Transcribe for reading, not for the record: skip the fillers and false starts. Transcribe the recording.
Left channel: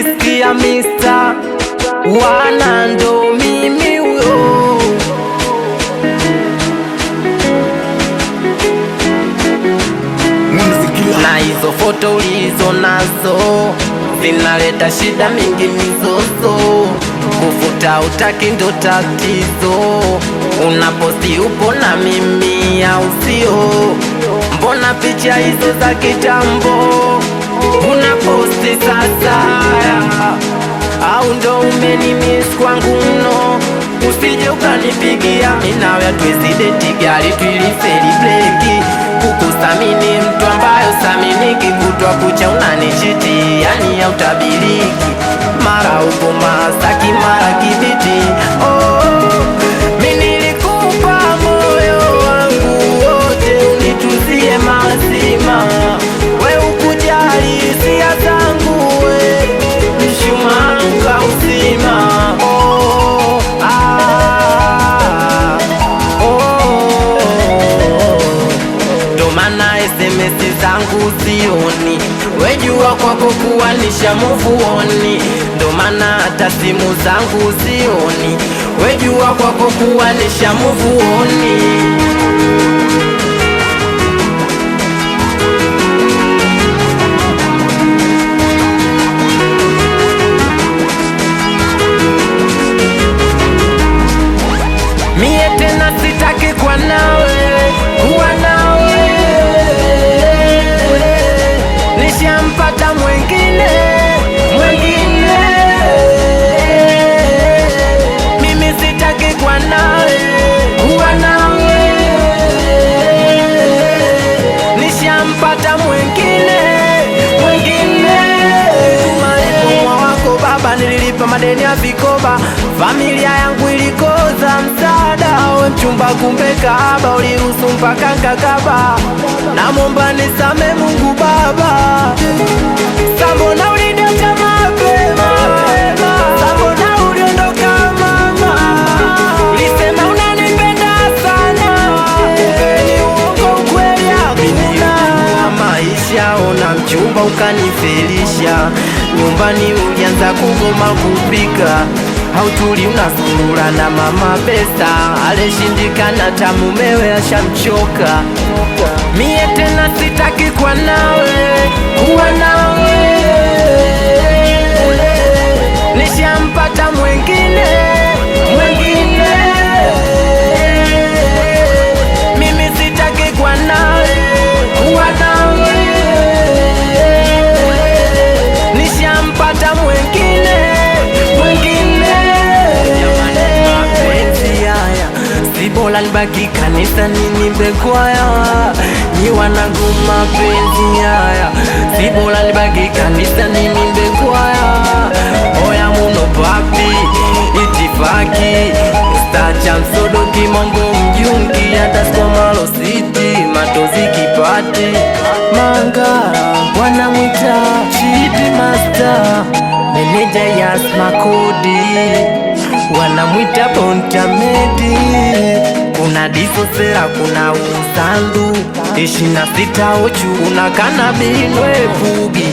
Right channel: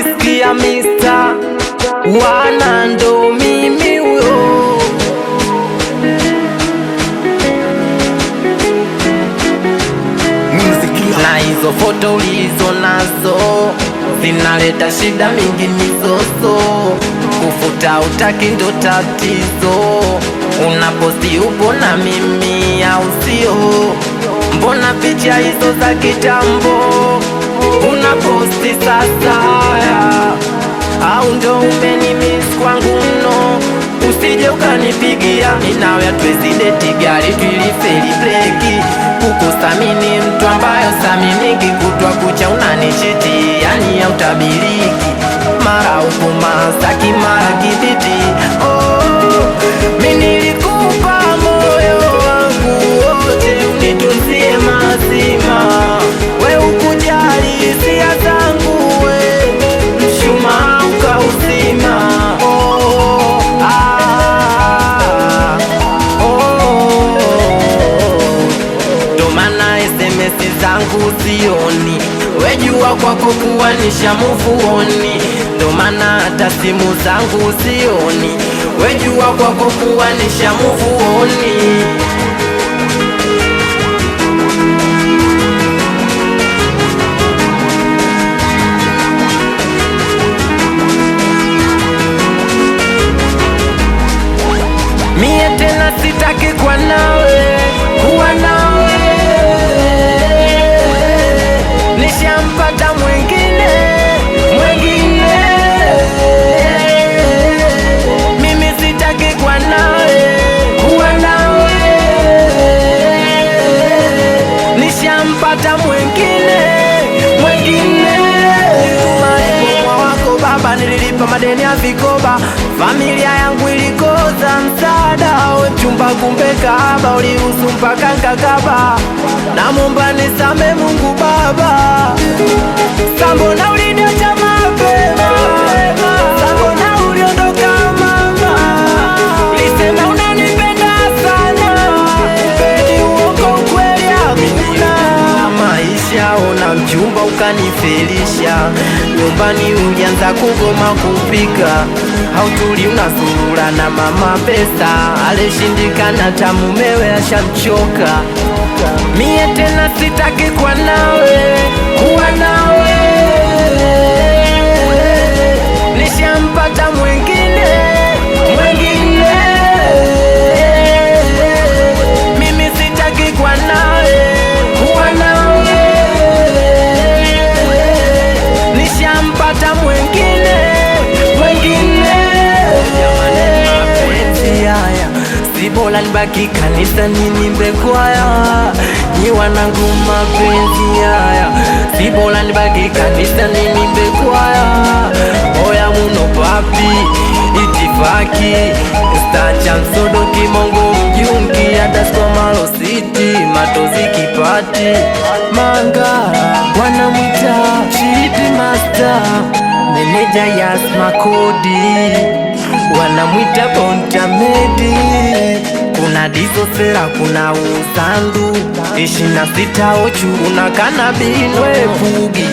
ukisikia Mr. Wana ndo mimi huyo. Na hizo foto ulizo nazo zinaleta shida mingi, mizozo, kufuta utaki ndo tatizo. Unaposti upo na mimi au sio? Mbona picha hizo za kitambo unaposti sasa? Haya, au ndo umenimiss kwangu mno? Usije ukanipigia minawe hatuwezi date, gari tulifeli breki. Kukusamini mtu ambayo saminiki, kutwa kucha unanichiti, yani hautabiliki. Mara upo Masaki, mara Kibiti. Oh, mimi nilikupa moyo wangu wote unitunzie mazima, we ukujali hisia zangu, we mshumaa ukauzima. Oh, ndo maana SMS zangu sioni, wejua kwako kuwa nishamuvuoni. Ndo maana hata simu zangu sioni, wejua kwako kuwa nishamuvuoni. Mie tena sitaki kuwa nawe, kuwa nawe. Nishampata mwengine, mwengine. Mimi sitaki kuwa nawe, kuwa nawe. Nishampata mwengine, mwengine. Nilituma lipomwa wako baba, nililipa madeni ya vikoba. Familia yangu ilikosa msaada, we mchumba kumbe kahaba, uliruhusu mpaka nkakaba. Namwomba nisame Mungu Baba, sambona uliniacha mapema, sambona uliondoka mama. Ulisema unanipenda sana, kumbe ni uongo, ukweli hakuna. Maisha ona mchumba ukanifelisha, nyumbani ulianza kugoma kupika. Hautuli unasulula na mama pesa, aleshindikana tamumewe ashamchoka. Mie tena sitaki kuwa nawe, kuwa nawe. Nishampata mwengine, mwengine. Mimi sitaki kuwa nawe, kuwa nawe. Nishampata mwengine, mwengine. Jamani, mapenzi haya si bora nibaki kanisa ninimbe kwaya? Nyi wanangu mapenzi haya si bora nibaki kanisa ninimbe kwaya? Oya muno papi itifaki stacha msodo kimongo mjunki adasko malo city matozi kipati Mangara wanamwita Chidi Master, meneja Yasma Kodi wanamwita Bonta Medi. Kuna Dizo Sera, kuna Uzandu 26 Ochu, kuna Kanabino we Pugi.